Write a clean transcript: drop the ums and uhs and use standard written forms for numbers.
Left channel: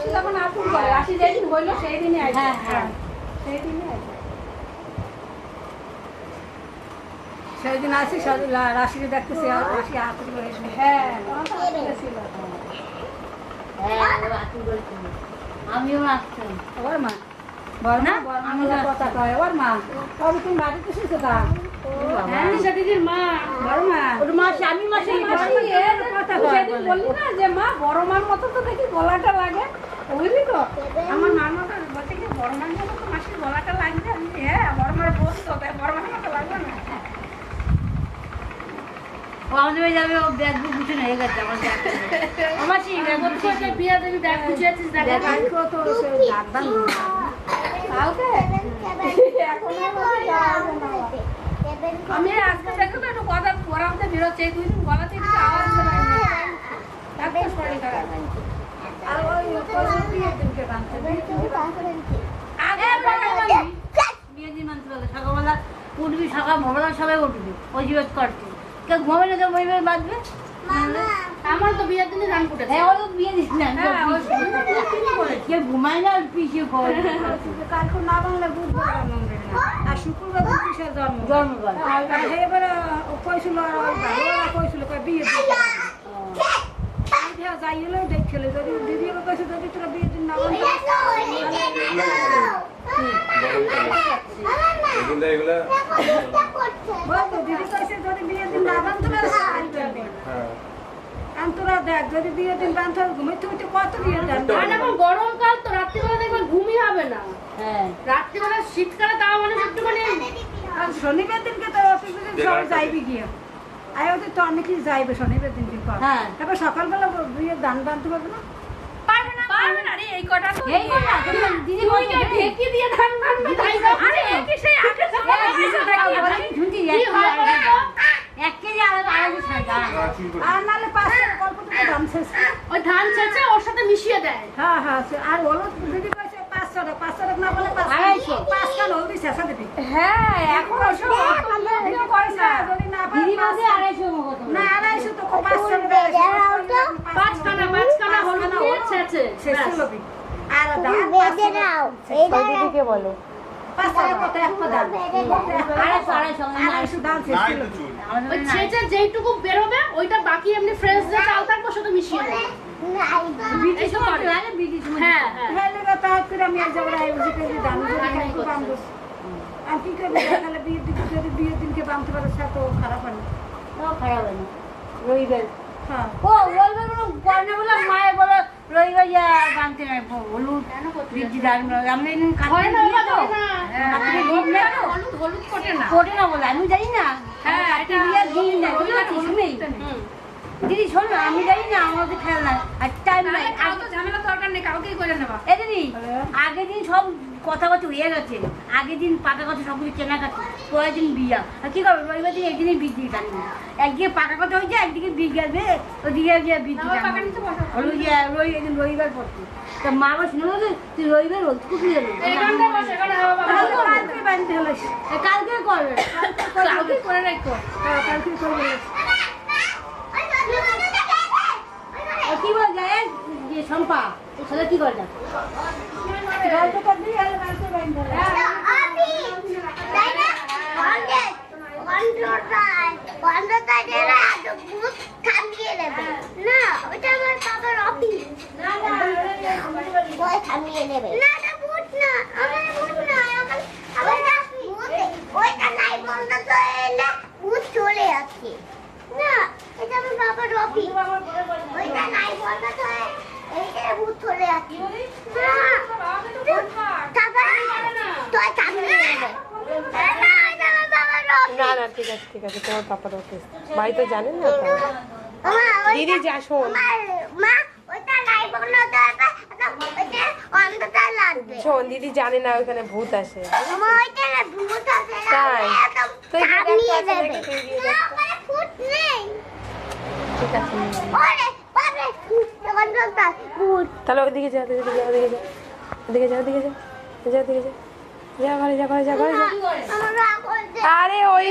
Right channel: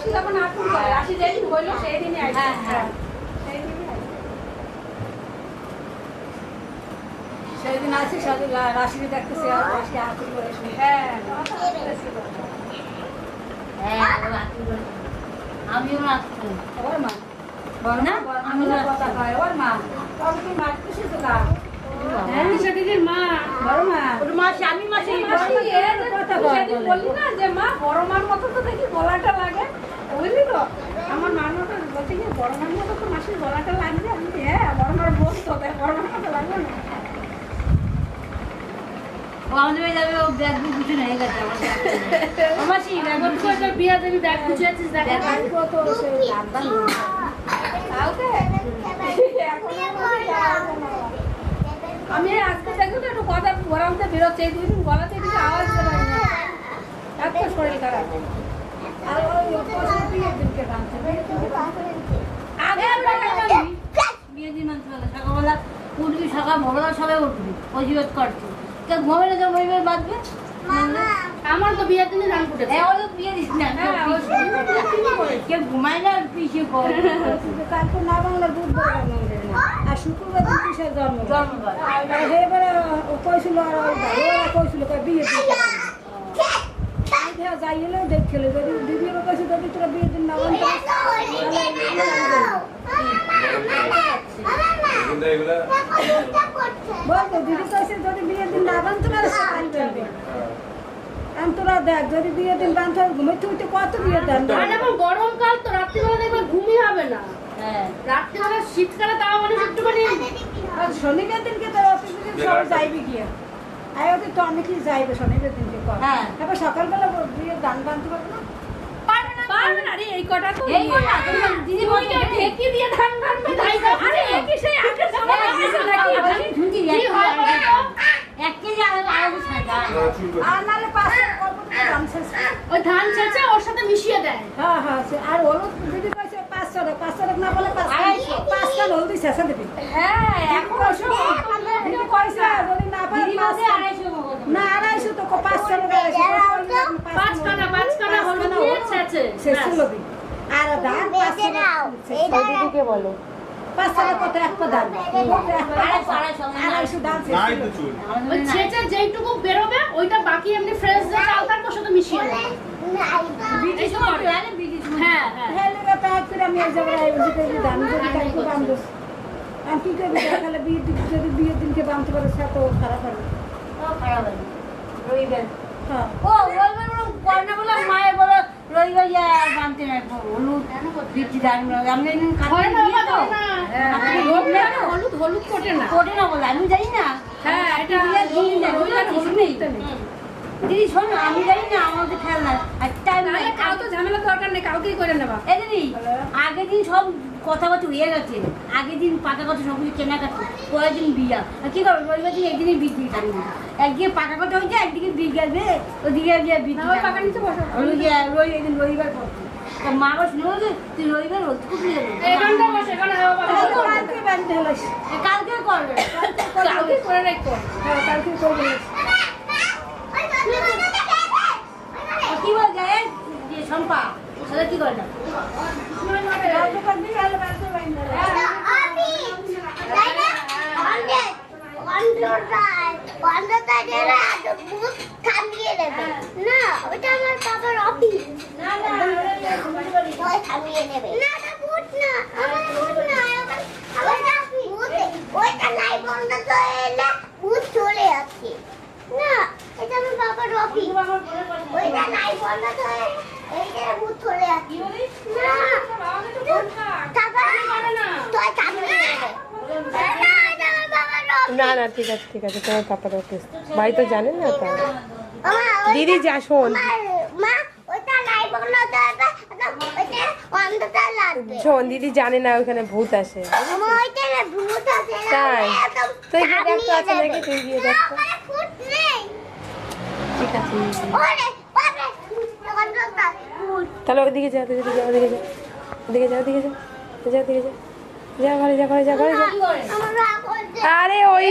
মাসি যখন আতুর করে আসি যেদিন হইলো সেই দিনই আসে। হ্যাঁ সেই দিনই আসে। সেই দিন আসি রাশিকে দেখতেছি আসি আতুর করে। হ্যাঁ আমিও আসতাম। ওর মা বল না আমি কথা কয় ওর মা তবে তুমি বাড়িতে এসেছো কা দিদির মা বড় মা ওর মা স্বামী মাসি কথা সেদিন বললি না যে মা বড় মার মতো তো দেখি গলাটা লাগে বুঝলি তো আমার মার মতো বলছে কি বড় মার মতো তো মাসির গলাটা লাগবে আমি হ্যাঁ বড় মার বোধ তো বড় মার মতো লাগবে না আমাদের বাড়ি যাবে ও ব্যাগ কিছু হয়ে গেছে আমার বিয়ে দেবী ব্যাগ গুছিয়েছিস আমি আসতে দেখো তো একটু কথা গরমতে বেরোচ্ছে এই 2 দিন গলাতে কিছু আওয়াজ বেরোয় না এত শরীর খারাপ আর ওই বিয়ের দিনকে কাঁদছে বিয়ে দিন মানতে হবে সকালবেলা উঠবি সকাল ভোরবেলা সবাই উঠবি অজিবাদ করছি কেউ ঘুমাবে না তো বইবে বাঁধবে আমার তো বিয়ের দিনে গান ফুটেছে হ্যাঁ ওদের বিয়ে দিস না কেউ ঘুমায় না পিছিয়ে কালকে না বাংলার বুধবার আর শুক্রবার দিন কিসের জন্মবার এবারে কইছিল কইছিল বিয়ে যাই হলো দেখছিল যদি দিদি আবার কইছে যদি তোরা বিয়ের দিন না বলতো দিদি কইছে যদি বিয়ের দিন না বানতে পারে তোরা দেখ যদি বিয়ের দিন বানতে ঘুমাইতে উঠে কত বিয়ে দেন গরমকাল তো রাত্রিবেলা দেখবেন ঘুমই হবে না রাত্রিবেলা শীতকালে তাও মানে একটুখানি শনিবার দিনকে তো অতদিন সবাই যাইবে গিয়ে আর ওদের তো অনেক কিছু যাইবে শনিবার দিনকে তারপর সকালবেলা বিয়ের দান বানতে পারবে না এই কটা দিদি ঢেকি দিয়ে ধান বানবে আরে একই সেই আগে এক কেজি আলাদা ছাড়া আর নাহলে পাঁচটা অল্প থেকে ধান ছেঁচে ওই ধান ছেঁচে ওর সাথে মিশিয়ে দেয় হ্যাঁ আর হলুদ যদি কইছে 500 না বলে 500 হলুদ ছেঁচে দিবি হ্যাঁ এখন ওসব দিদি কইছে যদি না পারে দিদি কাছে 250 না 250 তো 500 পাঁচ কাটা হলুদ দিয়ে ছেঁচে লবি আর ধান বেঁচে নাও এই দিদিকে বলো 500 কত এক দাম ওই ছেঁচে যেইটুকু বেরোবে ওইটা বাকি এমনি ফ্রেশ যে চাল থাকবে সাথে মিশিয়ে দেবে হ্যাঁ হ্যালো বাবা করে আমি এক জায়গায় এদিকে দাম যদি কালকে দাম দিস কি করবে তাহলে বিয়ের দিনকে বানতে পারে সে তো খারাপ হবে খারাপ হবে রবিবার ও রবিবার বলে বলে মায়ের বলে রবিবার বানতে নাই হলুদ বিটি দাম আমি হলুদ কোটে না বলে আমি জানি না দিদি শোন না আমি জানি না আমাকে খেয়াল না আর টাইম নাই ঝামেলা দরকার নেই কাউকেই করে নেবা এই দিদি আগের দিন সব কথাবার্তা উড়িয়ে গেছে আগের দিন পাকা কথা সব কিছু কেনাকাটি পরের দিন বিয়া আর কি করবো রবিবার দিন একদিনই বিক্রি কাটবে একদিকে পাকা কথা হয়েছে একদিকে বিয়ে গেছে ওদিকে গিয়ে বিক্রি হলো গিয়ে রবিবার পড়ছে তা মা আবার শুনে তুই রবিবার হল খুব নিয়ে গেল কালকে করবে কালকে করে রাখো কালকে করে কি বল যায় যে শম্পা তাহলে কি করে চলে আসছে না এটা আমার বাবার অফিস ওইটা নাই বন্ধ করে এইটা ভূত চলে আসছে না না ঠিক আছে তোমার পাপার অফিস ভাই তো জানেন না তা দিদি যা শোন শোন দিদি জানে না ওখানে ভূত আসে তাই তুই গিয়ে দেখতে আছে নাকি তুই গিয়ে দেখ ঠিক আছে তাহলে ওদিকে যা ঘরে যা আরে ওই